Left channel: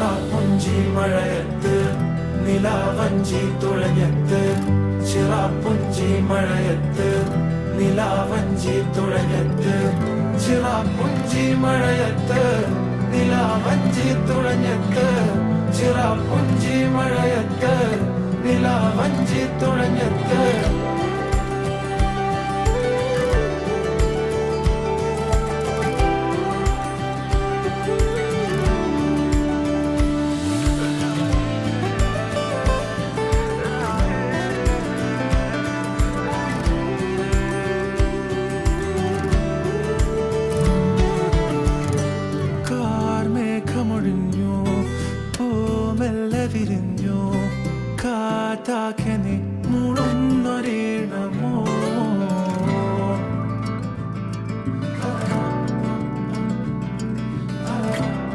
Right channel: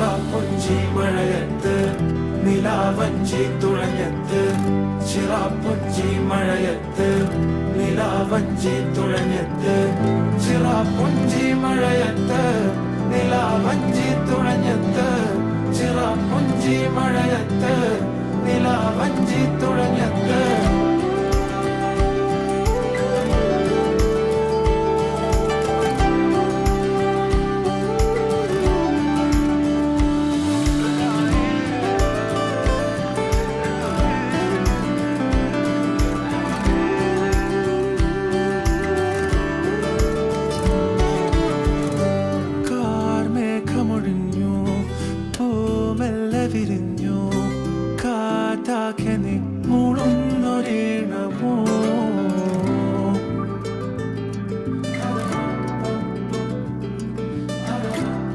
ചിറാപ്പുഞ്ചി മഴയത്ത് നിലാവഞ്ചി തുഴഞ്ഞത്ത്, ചിറാപ്പുഞ്ചി മഴയത്ത് നിലാവഞ്ചി തുഴഞ്ഞത്ത്, ചിറാപ്പുഞ്ചി മഴയത്ത് നിലാവഞ്ചി തുഴഞ്ഞത്ത്, ചിറാപ്പുഞ്ചി മഴയത്ത് നിലാവഞ്ചി തുഴഞ്ഞത്ത്. മേഘമൊഴിഞ്ഞു, പൂമെല്ലെ വിരിഞ്ഞു, കാറ്റാകെ നീ